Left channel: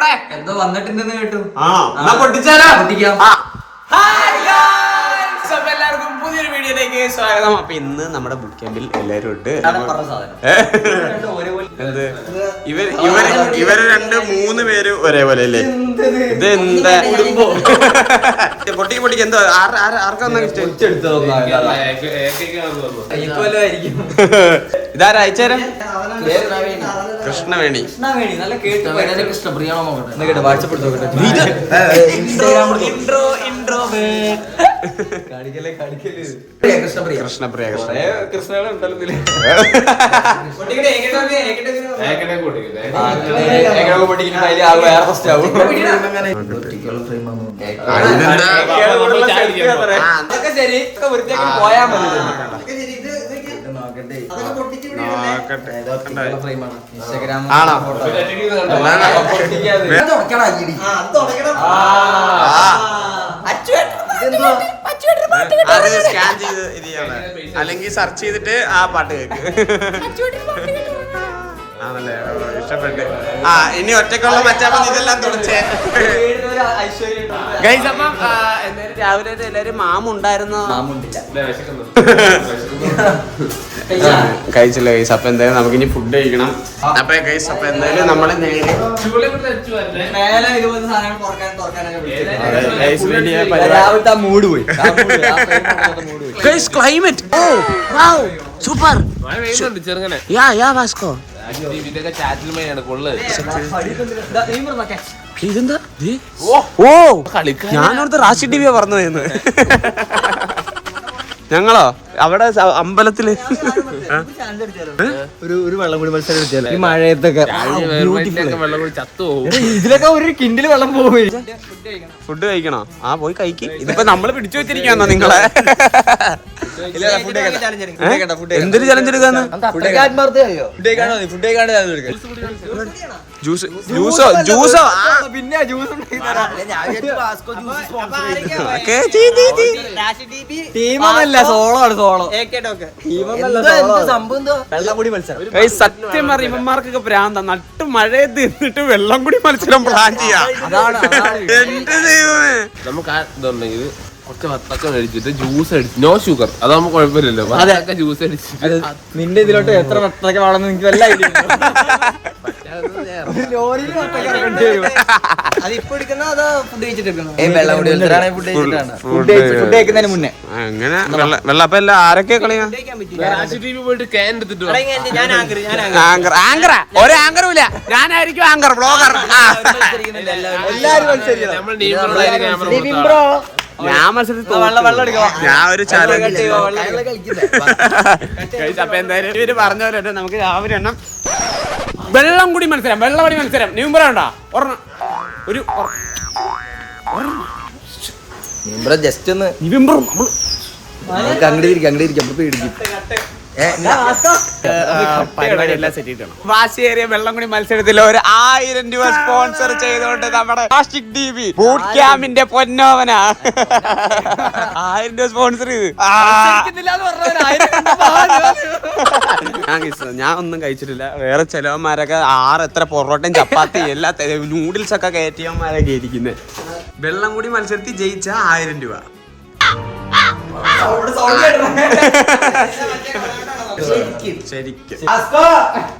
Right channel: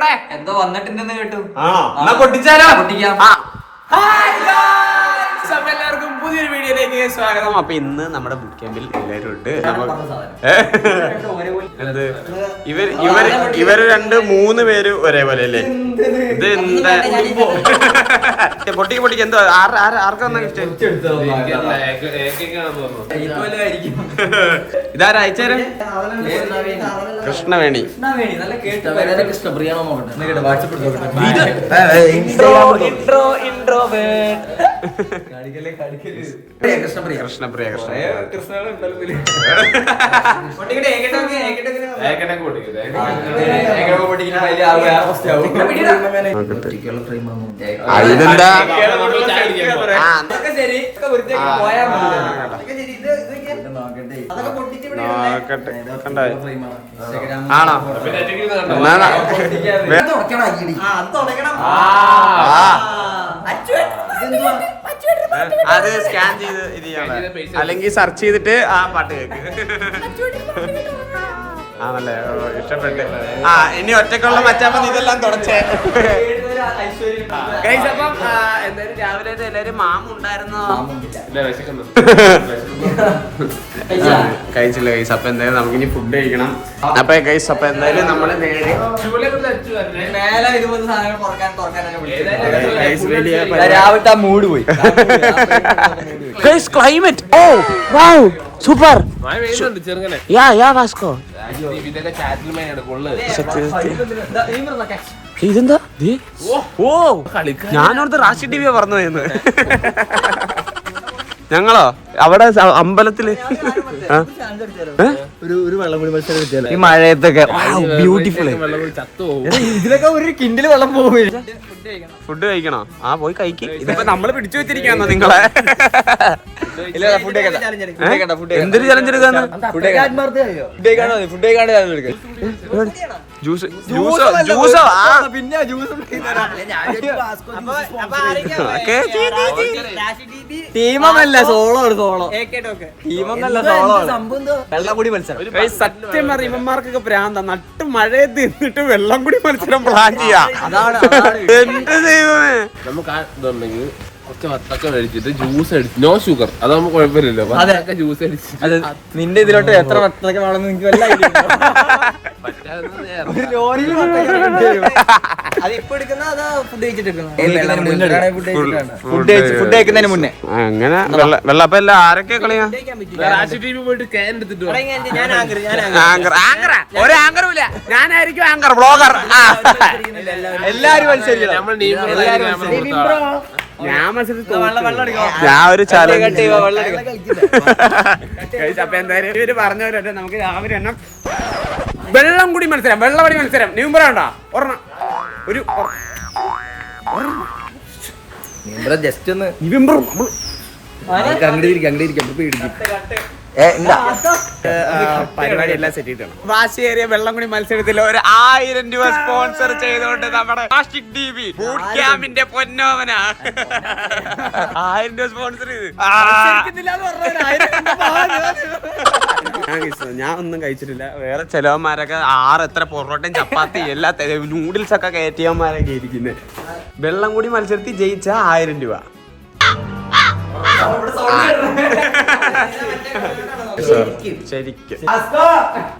ഇവിടെ എന്തോ വന്നിട്ടുണ്ടെന്ന് കേട്ടു. എന്നാ പൊട്ടിച്ചാലോ? പൊട്ടിക്കാം. എല്ലാവർക്കും പുതിയൊരു വീഡിയോയിലേക്ക് സ്വാഗതം. അപ്പൊ ഇന്ന് നമ്മുടെ ബുക്ക് ക്യാമ്പിൽ എല്ലാരും ഉണ്ട്. എന്ത് ഇവര് 2-3 പേര് ഒരേപോലെ അല്ലേ? ഇത് എന്താ പൊട്ടിക്ക് എന്തോ ആർക്കാ ഇതാരാ അയച്ചേരാ? കൃഷ്ണവേണി. കൃഷ്ണപ്രിയ ഇതെന്താ? ആണോ? അത് സ്കാൻ ചെയ്ത് ഇത് ചെയ്യണേ, അല്ലെങ്കിൽ സെർച്ച് ചെയ്തിട്ട് ആ പാട്ട് കേക്ക്. ആണല്ലേ? ഇഷ്ടപ്പെട്ട്. ഇനി ഒറ്റക്കുള്ള മച്ചാപ്പം ഇതെല്ലാം തുടച്ചേ. അപ്പം എന്തായാലും രാവിലെ എല്ലാരും മാമുണ്ടായിരുന്ന കഴിച്ചില്ല ഗൈസ്. അപ്പൊ എന്തായാലും നമുക്ക് ഇനി ഫുഡ് കഴിക്കണം. അപ്പൊ ഗൈസ് അപ്പൊ എന്തായാലും നമ്മള് മൂഡ് പോയി. Climate super. ഇതെന്താ? ഓ ഞാനവിടുത്തെ റാഷി ടി വിയാ പറഞ്ഞു പോയെന്ന്. ഞങ്ങളോ അവിടെ അമ്പലത്തില് ഒരു വെള്ളം കൂടി മത്സരം ഈ മഴയത്തൊക്കെ ഇതിലൊക്കെ ഒരു കിൻഡില് വെള്ളം പോകും. ഫുഡ് കഴിക്കണോ? പോയി കഴിക്ക്. ഇതിപ്പോ നമ്മള് പിടിച്ചു വെച്ചിരിക്കാന്നോ നിങ്ങളെ? എന്തൊരു ചലഞ്ച് എടുക്കാന്ന്? ജ്യൂസോ? പിന്നെ ജ്യൂസ് ടീമൊന്നല്ല, സോളോ. സത്യം പറയും ഇവന്മാർക്കൊക്കെ ഭ്രാന്ത. നട്ട് മഴയത്ത് എന്നിട്ട് വെള്ളം കൂടി മത്സരം പ്ലാൻ ചെയ്യാം. അതാണ് എന്ത് ദൈവമേ. നമുക്ക് ഇതുണ്ടെങ്കിൽ കുറച്ച് വത്തക്ക മേടിച്ചിട്ട് ജ്യൂസ് അടിച്ച്, നോ ഷുഗർ, അതാകുമ്പോ കുഴപ്പമില്ലല്ലോ. വത്തക്ക ജ്യൂസ് അടിച്ചിട്ട് നിന്റെ ഇതിലോട്ട് എത്ര വത്തക്ക വേണമെന്ന് എനിക്ക് വല്ല ഐഡിയ. മുന്നേ അങ്ങനെ വെള്ളം. അപ്പൊ എല്ലാം ആരൊക്കെ കളിയാ? പോയിട്ട് ക്യാൻ എടുത്തിട്ട് ഒരു ആങ്കറുമില്ല. ഞാനായിരിക്കും ആങ്കർ, ബ്ലോഗർ. നമ്മൾ ക്യാമറ കൊടുത്താ ഞാൻ മത്സരത്തിൽ ഞാൻ ഒരു ചാലഞ്ച്. അപ്പൊ എന്തായാലും ഇവര് പറഞ്ഞ പോലെ നമുക്ക് രാവിലെ എണ്ണം വെള്ളം കൂടി മത്സരം, വെള്ളമടി മത്സരം. നീമ്പറ വേണ്ട ഒരെണ്ണം ഒരു ജസ്റ്റ് ഒന്ന് പരിപാടി എല്ലാം സെറ്റ് ചെയ്തിട്ടുണ്ട്. വാശിയേറിയ വെള്ളം കൂടി മത്സരത്തിൽ ഒരു 1000 രൂപ സ്പോൺസർ ചെയ്തോണ്ട് നമ്മുടെ പ്ലാസ്റ്റിക് ടി വി ബൂട്ട് ക്യാമ്പിന്റെ പൊന്നോവന 1000 രൂപ സ്പോൺസർ ചെയ്ത്. ഞാൻ ഒന്നും കഴിച്ചിട്ടില്ല. വേറെ ചിലവന്മാരൊക്കെ എത്ര പൊറോട്ടയും ചപ്പാത്തി എല്ലാ നൂഡിൽസ് ഒക്കെ കയറ്റിയവന്മാരൊക്കെ ഇരിക്കുന്നത്. വെള്ളം കൂടി മത്സരത്തിൽ ജയിച്ച 1000 രൂപ. ശരിക്കും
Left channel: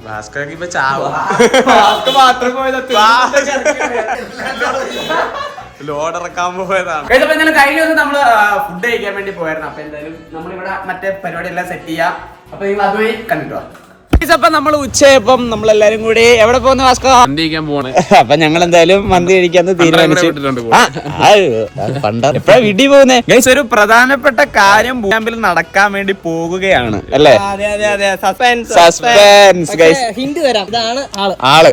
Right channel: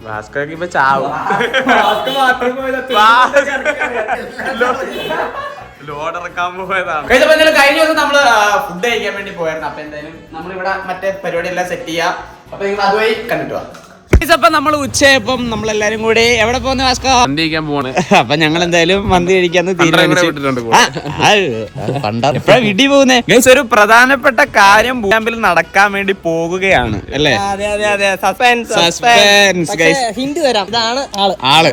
ഭാസ്കർക്ക് ഇപ്പൊ ചാവും. ലോഡ് ഇറക്കാൻ പോയതാണ്. എന്തായാലും കഴിഞ്ഞ ദിവസം നമ്മള് ഫുഡ് കഴിക്കാൻ വേണ്ടി പോയായിരുന്നു. അപ്പൊ എന്തായാലും നമ്മളിവിടെ മറ്റേ പരിപാടി എല്ലാം സെറ്റ് ചെയ്യാം. അപ്പൊ നിങ്ങൾ അതുവഴി കണ്ടിട്ട് വാ. അപ്പൊ നമ്മൾ ഉച്ചയപ്പം നമ്മളെല്ലാരും കൂടി എവിടെ പോകുന്ന ഭാസ്കർ? മന്തി കഴിക്കാൻ പോവാണ്. അപ്പൊ ഞങ്ങൾ എന്തായാലും മന്തി കഴിക്കാന്ന് തീരുമാനിച്ചു. എപ്പോഴാ വീട്ടിൽ പോകുന്നേ? ഗൈസ് ഒരു പ്രധാനപ്പെട്ട കാര്യം ക്യാമ്പിൽ നടക്കാൻ വേണ്ടി പോകുകയാണ് അല്ലേ? Suspense guys. ഹിന്റ് തരാം, ഇതാണ് ആള്.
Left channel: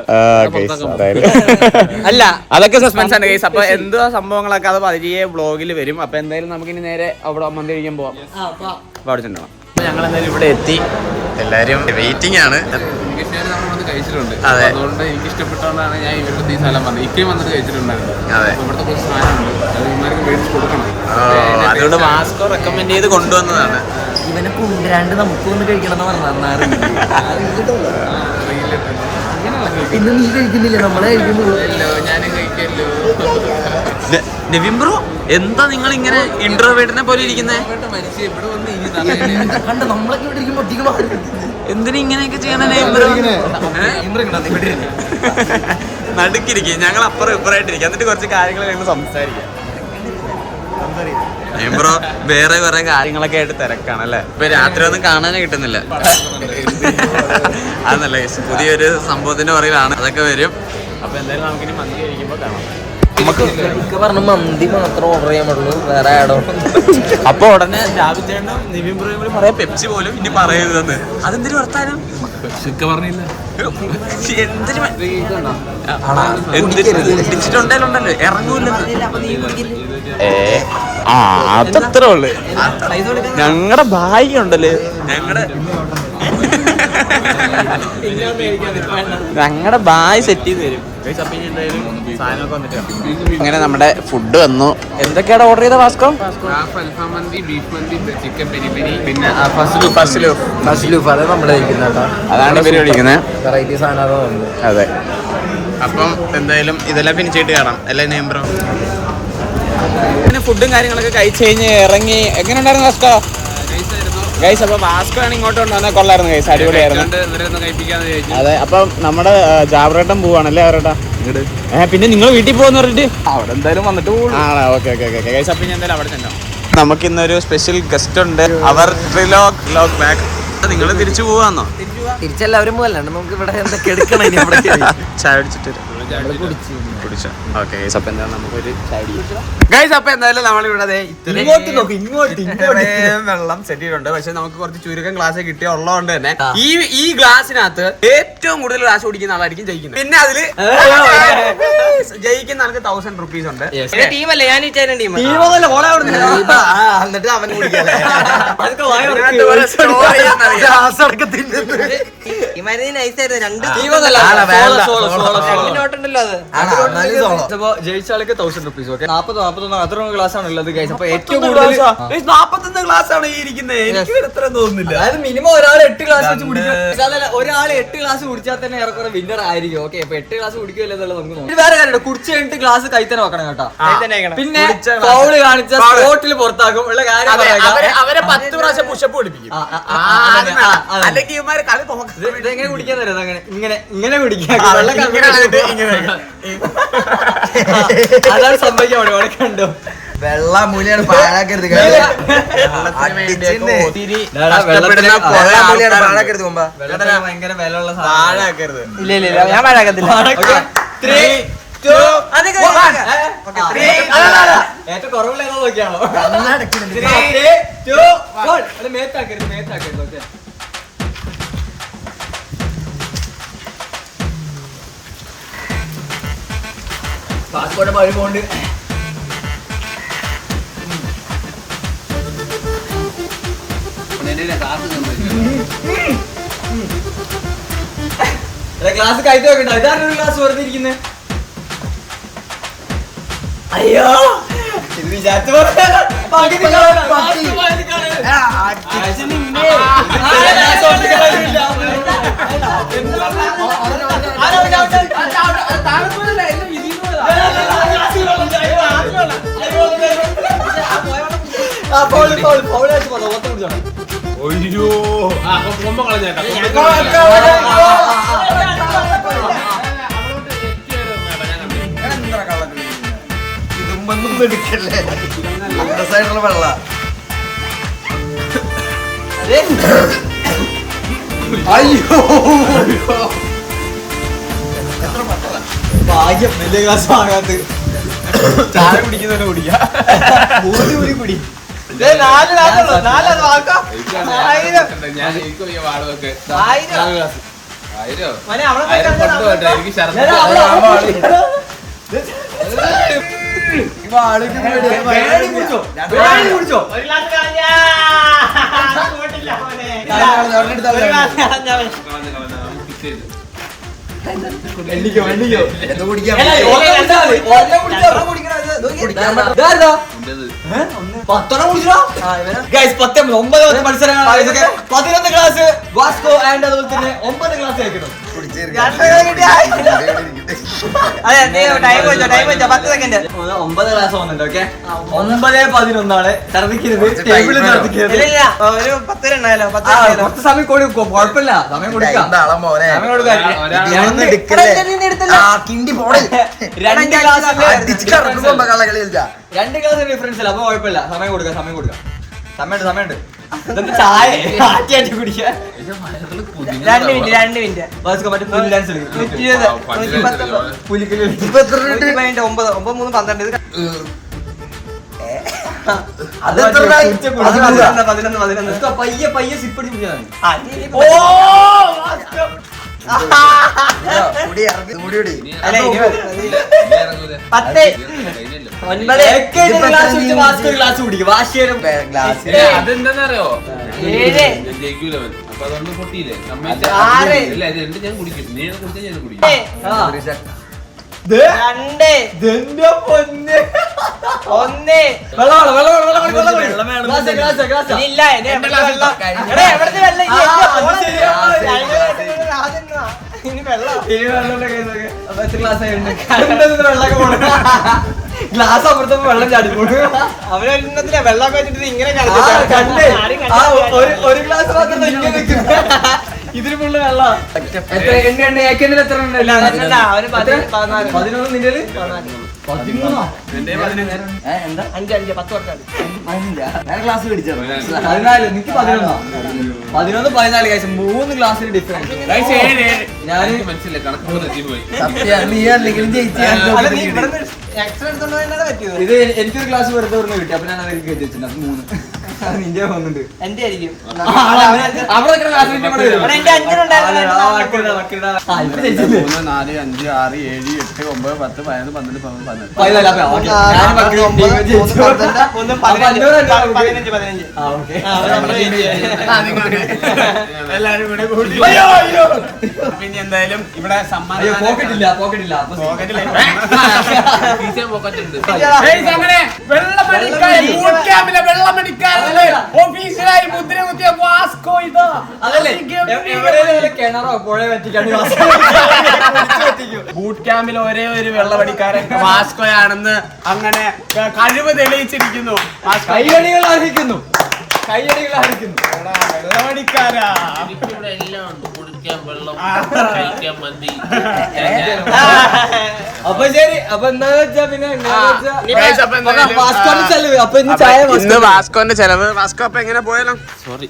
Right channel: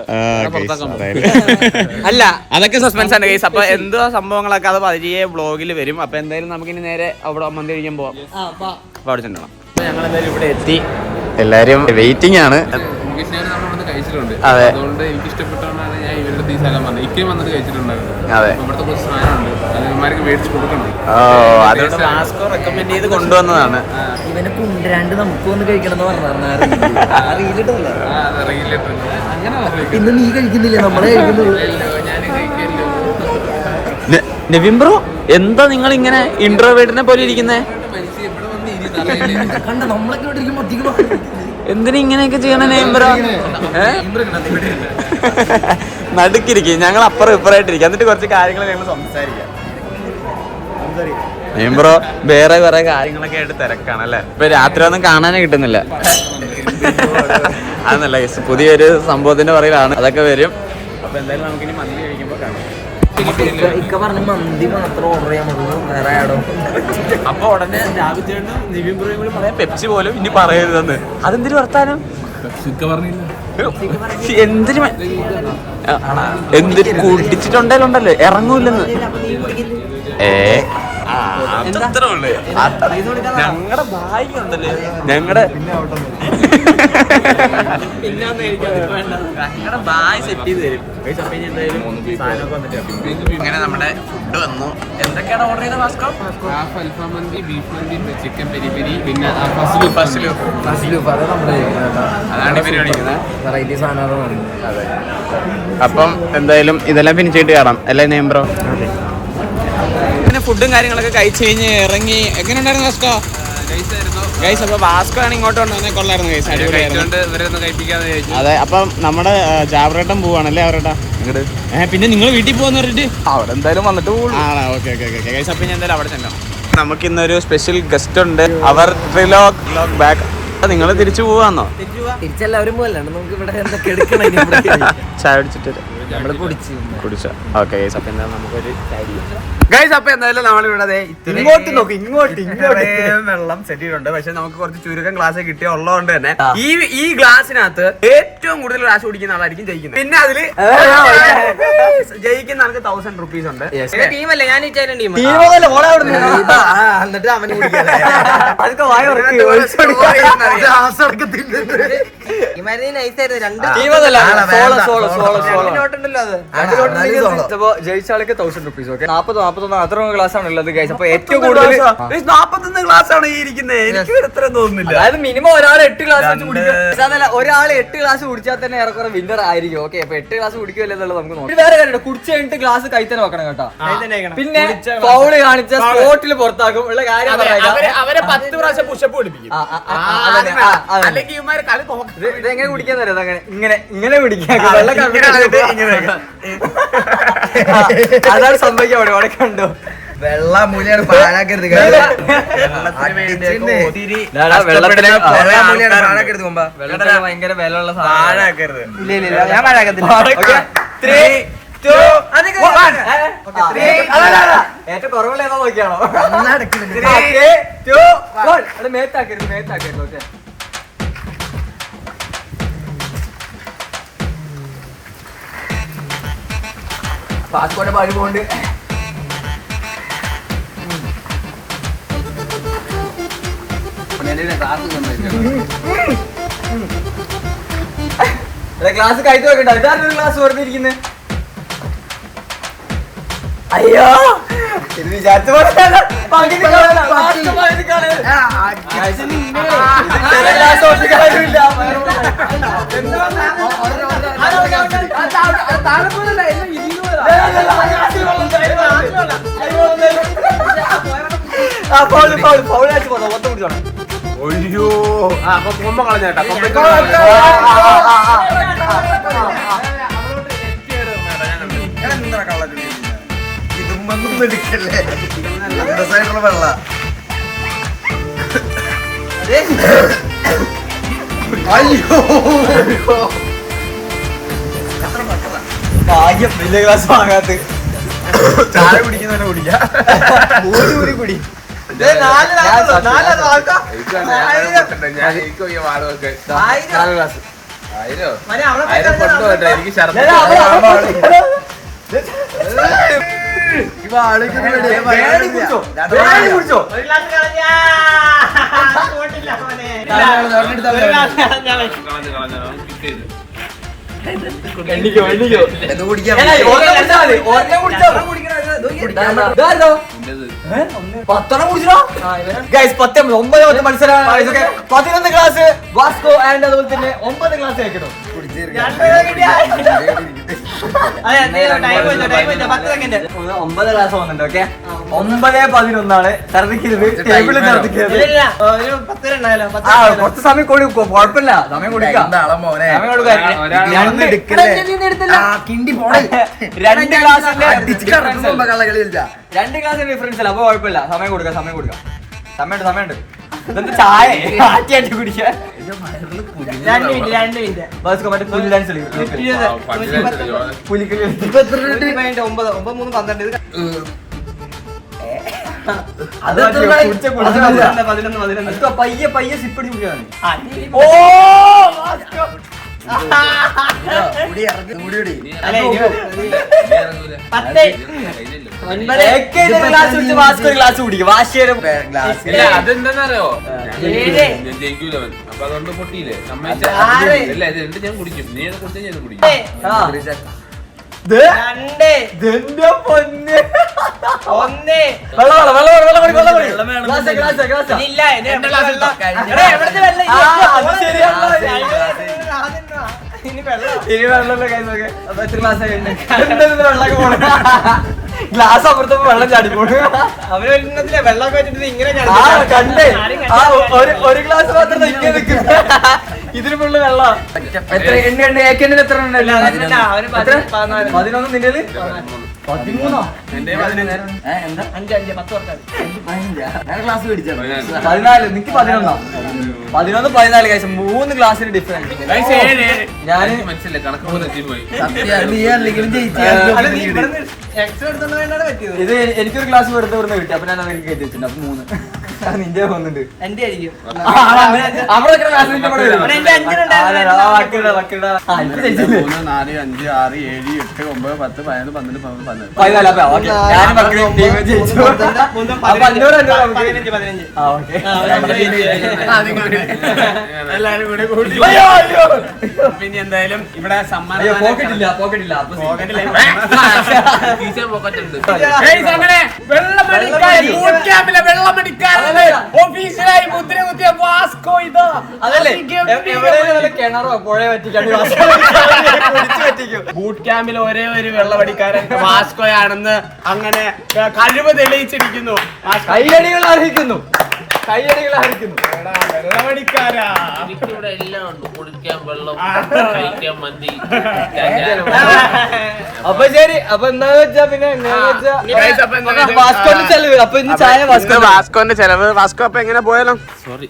അല്ല അതൊക്കെ സസ്പെൻസ് ആണ് ഗൈസ്. അപ്പൊ എന്തോ സംഭവങ്ങളൊക്കെ അത് പതിയെ വ്ളോഗിൽ വരും. അപ്പൊ എന്തായാലും നമുക്കിനി നേരെ അവിടെ മന്തി കഴിക്കാൻ പോവാം. അപ്പൊ അവിടെ ചെല്ലണം. അപ്പൊ ഞങ്ങൾ എന്തായാലും ഇവിടെ എത്തി. എല്ലാരും വെയിറ്റിംഗ് ആണ്. കൃഷ്ണേര് നമ്മൾ വന്ന് കഴിച്ചിട്ടുണ്ട്. അതുകൊണ്ട് എനിക്ക് ഇഷ്ടപ്പെട്ടോണ്ടാണ് ഞാൻ ഇവരുടെ ഈ സ്ഥലം വന്നത്. ഇക്കയും വന്നിട്ട് കഴിച്ചിട്ടുണ്ടായിരുന്നു. ഇവിടുത്തെ കുറച്ച് സാധനമുണ്ട്, അത് ഇവന്മാർക്ക് മേടിച്ച് കൊടുക്കണം. അതുകൊണ്ട് വാസ്കോ റെക്കമെൻഡ് ചെയ്ത് കൊണ്ടുവന്നതാണ്. ഇവനെ കൊണ്ടുവരാണ്ട് നമുക്ക് ഒന്ന് കഴിക്കണം എന്ന് പറഞ്ഞാൽ ഇന്ന് നീ കഴിക്കുന്നില്ലേ, നമ്മളെ കഴിക്കുന്നുള്ളൂ. നിവിൻ ബ്രോ എന്താ നിങ്ങൾ ഇങ്ങനെ ഇൻട്രോവേർട്ടിനെ പോലെ ഇരിക്കുന്നേ? കണ്ട നമ്മളൊക്കെ ഇവിടെ ഇരിക്കുമ്പോ എന്തിനാ ഇങ്ങനെയൊക്കെ ചെയ്യണ നിവിൻ ബ്രോ? നടുക്കിരിക്കും, ഞങ്ങൾ അപ്പുറം ഇപ്പുറമായിട്ടിരിക്കും, എന്നിട്ട് കുറച്ച് കാര്യങ്ങൾ ഞങ്ങൾ സംസാരിക്കാം. നിവിൻ ബ്രോ വേറെ കുറെ കാര്യങ്ങളൊക്കെ ആയിട്ട് തിരക്കാണല്ലേ? ഇപ്പൊ രാത്രി ഒന്നും കാണാനേ കിട്ടുന്നില്ല. അതെന്നല്ല, പുതിയൊരു സംഭവത്തിന്റെ പറയിലാണ്, അതൊക്കെ വരും. അപ്പൊ എന്തായാലും നമുക്കിനി മന്തി കഴിക്കുമ്പോ കാണാം. ഇക്ക പറഞ്ഞ മന്തി മാത്രം ഓർഡർ ചെയ്യാൻ പറ്റുള്ളൂ, വേറെ ആടോ. അപ്പൊ ഉടനെ രാവിലെയും നിവിൻ ബ്രോയും കൂടി പറയാം പെപ്സി പോലും ഇനി പറയരുതെന്ന്. അതെന്തിനു വർത്താനം? പറഞ്ഞില്ല കുടിച്ചിട്ടുണ്ടല്ലോ ഇറങ്ങൂല്ലെന്ന്. അതത്ര ഉള്ളു. ഞങ്ങളുടെ ഭാഗ്യ ഉണ്ടല്ലേ, ഞങ്ങളുടെ ബായ് സെറ്റ് ചെയ്ത് തരും. ഇങ്ങനെ നമ്മുടെ ഫുഡ് വന്നു. എന്തൊക്കെയാണ് ഓർഡർ ചെയ്ത വാസ്കോ? അൽഫാം മന്തി, ബീഫ് മന്തി, ചിക്കൻ പെരി പെരി, പിന്നെ അതാണ് ഇവര് വിളിക്കുന്നത്. വെറൈറ്റി സാധനം. അതെ, അപ്പം എന്തായാലും ഇതെല്ലാം ഫിനിഷ് ചെയ്തിട്ട് കാണാം അല്ലേ നെയ്മ് ബ്രോ? പിന്നെ ഫുഡും കാര്യങ്ങളൊക്കെ കഴിച്ച് കഴിഞ്ഞ് ഇറങ്ങി. എങ്ങനെ ഉണ്ടായിരുന്നു വാസ്കോ? ഗൈസ് അപ്പൊ വാസ്കോ ആണ് ഇങ്ങോട്ട് കൊണ്ടുവന്നാൽ കൊള്ളായിരുന്നു ഗൈസ്, അടിപൊളിയായിരുന്നു. അതെ, അപ്പം നമ്മുടെ ജാബ്രേട്ടൻ പോവാണല്ലേ അവരേട്ടാ ഇങ്ങോട്ട്. പിന്നെ നിങ്ങൾ വീട്ടിൽ പോവാന്ന് പറഞ്ഞിട്ട് അവിടെ എന്തായാലും വന്നിട്ട് ആണോ? ഓക്കെ ഓക്കെ ഓക്കെ ഗൈസ്, അപ്പൊ ഞാൻ എന്തായാലും അവിടെ ചെല്ലാം. നമുക്ക് ഇന്നൊരു സ്പെഷ്യൽ ഗസ്റ്റ് ഉണ്ട്, അവർ ട്രിലോഗ് ബാക്ക്. നിങ്ങൾ തിരിച്ചു പോവാന്നോ? തിരിച്ചെല്ലാവരും പോകല്ലാണ്ട് നമുക്ക് ഇവിടെ എന്തൊക്കെ എടുക്കണം. ചായ കുടിച്ചിട്ട് കുടിച്ചോ? ഓക്കെ ഗൈസ്, അപ്പൊ എന്തായാലും നമുക്കൊരു ചായ ഗൈസ്. അപ്പൊ എന്തായാലും നമ്മളിവിടെ വെള്ളം സെറ്റ് ചെയ്തിട്ടുണ്ട്. പക്ഷെ നമുക്ക് കുറച്ച് ചുരുക്കം ഗ്ലാസ് കിട്ടിയ ഉള്ളതുകൊണ്ട് തന്നെ ഈ ഗ്ലാസിനകത്ത് ഏറ്റവും കൂടുതൽ ഗ്ലാസ് കുടിക്കുന്ന ആളായിരിക്കും ജയിക്കുന്നത്. പിന്നെ അതില് ജയിക്കുന്ന ആൾക്ക് 1000 rupees ഉണ്ട്. ടീമല്ലേ, ഞാൻ ടീം. എന്നിട്ട് അവന് കുടിക്കല്ലേ? ജയിച്ചാൾക്ക് 1000 rupees. 41 അത്ര ഗ്ലാസ് ആണുള്ളത് ഗൈസ്. അപ്പൊ ഏറ്റവും കൂടുതൽ 41 ഗ്ലാസ് ആണ് ഈ ഇരിക്കുന്നത്. എനിക്ക് ഇത്ര തോന്നുന്നില്ല. അത് മിനിമം ഒരാൾ 8 ഗ്ലാസ് വെച്ച് കുടിക്കും. ഒരാൾ 8 ഗ്ലാസ് കുടിച്ചാൽ തന്നെ ഏറെക്കുറെ വിന്നർ ആയിരിക്കും. ഓക്കെ, അപ്പൊ 8 ഗ്ലാസ് കുടിക്കുമല്ലോ എന്നുള്ളത് നമുക്ക് നോക്കാം. വേറെ കാര്യം, കുടിച്ച് കഴിഞ്ഞിട്ട് ഗ്ലാസ് കൈ തന്നെ വെക്കണം കേട്ടോ. പിന്നെ ഫൗള് കാണിച്ച സ്പോട്ടിൽ പുറത്താക്കും ഉള്ള കാര്യം. അവരെ 10 പ്രാവശ്യം പുഷപ്പ് പഠിപ്പിക്കും. ഇതെങ്ങനെ കുടിക്കാൻ തരാം? അങ്ങനെ ഇങ്ങനെ കുടിക്കാൻ അതാണ് സംഭവിക്കാൻ അവിടെ കണ്ടോ? വെള്ളം മൂലയാണ് പാഴാക്കരുത്. ഭയങ്കര വിലയുള്ള പാഴാക്കരുത്. ഇല്ല ഞാൻ പാഴാക്കത്തില്ല. ഏറ്റവും കുറവുള്ള ഏതാ നോക്കിയാണോ? മേത്താക്കരുത്. ഓക്കെ, പാസ്പോർട്ട് വഴി പോണ്ട്. ഗ്ലാസ് കൈത്ത് വെക്കണ്ട. ഇതാണ് ഗ്ലാസ് വെറുതെ ഇരിക്കുന്നത്. അയ്യോ, ഇത് വിചാരിച്ച പോലെ ഒയ്യോ, അപ്പൊ കൊമ്പ കളഞ്ഞേട്ടാ. ഇതൊന്നും എടുക്കല്ലേ, വെള്ള അയ്യോ ഭാഗ്യം വലിയ ഗ്ലാസ് വാങ്ങാത്ത. ചായ കുടിക്കുന്നവനെ കുടിക്കാം. കുടി ആയിരം കൊണ്ടുപോട്ടെ, എനിക്ക് ഛർദ്ദി. കുടിച്ചോ എണ്ണിക്കോ മത്സരം 11 ക്ലാസ് വാസ്കോ ആൻഡ് അതുപോലെ തന്നെ 9 ക്ലാസ് കഴിക്കണം. 9 ക്ലാസ് വന്നിട്ടുണ്ട്. ഓക്കെ 9:11 ഛർദിക്കരുത്, ടേബിളിൽ ഛർദിക്കരുത്. കുറച്ച് സമയം കൊടുക്കും, കുഴപ്പമില്ല, സമയം കൊടുക്കാം. രണ്ട് ക്ലാസ് ഡിഫറൻസ് അല്ല, അപ്പൊ കുഴപ്പമില്ല, സമയം കൊടുക്കാം. സമയമുണ്ട്. ചായ ആറ്റി കുടിക്കാൻ 2 മിനിറ്റ്. മറ്റേ പുലി ഡാൻസ് പുലിക്കളി 9 പയ്യെ സിപ്പടി കുടിക്കാൻ. ക്ലാസ് കുടിക്കും. അതെന്താന്നറിയോ, ജയിക്കൂലവൻ. അപ്പൊ അതുകൊണ്ട് പൊട്ടിയില്ലേ ഞാൻ കുടിക്കും, നീ കുടിച്ചാൽ ഞാൻ കുടിക്കും. ഗ്ലാസ് അപ്പുറത്ത് വെള്ളം ചാടിപ്പോണ്. വെള്ളം ഇങ്ങനെ കണ്ടേ ഒരു ഗ്ലാസ് മാത്രം ഇതിന് ഫുള്ള് വെള്ളം. എത്ര എണ്ണ ഏക്കണ്ടിൽ എത്ര ഉണ്ടല്ലോ? 11 നിന്റെ 13. എന്താ 5 ക്ലാസ് പിടിച്ചോ? 14. നിക്ക് 11. 14 കഴിച്ചു. 3 ക്ലാസ്സിന് ഡിഫറൻസ്. ഞാൻ മനസ്സിലായി, കണക്ക് പോയി. ഇത് എനിക്കൊരു ക്ലാസ് വെറുതെ കിട്ടി. അപ്പൊ ഞാൻ അതിൽ കയറ്റി വെച്ചിട്ടുണ്ട്. അപ്പൊ 3 നിന്റെ പോകുന്നുണ്ട്. എന്റെ ആയിരിക്കും അവിടെ 3, 4, 5, 6, 7, 8, 9, 10, 11, 14. പിന്നെ എന്തായാലും ഇവിടെ പോക്കറ്റില്ല. ഓഫീസിലായി മുദ്ര കുത്തിയ വാസ്കോ ഇതാ. അതല്ലേ കിണറോ പുഴ പറ്റിക്കാണ്ട് ബൂട്ട് ക്യാമ്പിൽ ഒരേ ഒരു വെള്ളമടിക്കാരൻ വാസ്കോയാണെന്ന് അങ്ങനെ കഴിവ് തെളിയിച്ചിരിക്കുന്നു. കൈയടികൾ അർഹിക്കുന്നു. വെള്ളമടിക്കാരാ. ഇവിടെ എല്ലാം ഉണ്ട്, കുടിക്കാൻ വെള്ളം, കഴിക്കാൻ മന്തി. അപ്പൊ ശരി. അപ്പൊ എന്താ വെച്ചാ പിന്നെ വാസ്കോന്റെ ചെലവ്. വാസ്കോ അപ്പൊ എങ്ങനെ പോയാലോ? സോറി,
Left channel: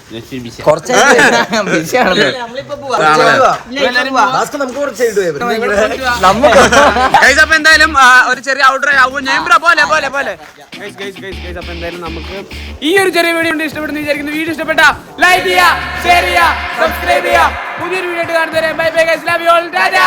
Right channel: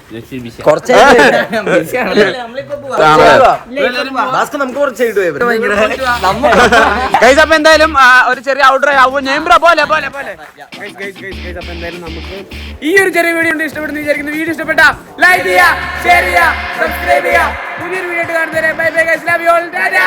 അപ്പൊ എന്തായാലും ഒരു ചെറിയ ഔട്ടർ പോലെ. അപ്പൊ എന്തായാലും നമുക്ക് ഈ ഒരു ചെറിയ വീഡിയോ ഇഷ്ടപ്പെടുന്ന വിചാരിക്കുന്നു. വീഡിയോ ഇഷ്ടപ്പെട്ട ലൈക്ക് ചെയ്യുക, ഷെയർ ചെയ്യുക, സബ്സ്ക്രൈബ് ചെയ്യുക. പുതിയൊരു വീഡിയോ കാണുന്നവരെ bye bye guys, love you all, Tata.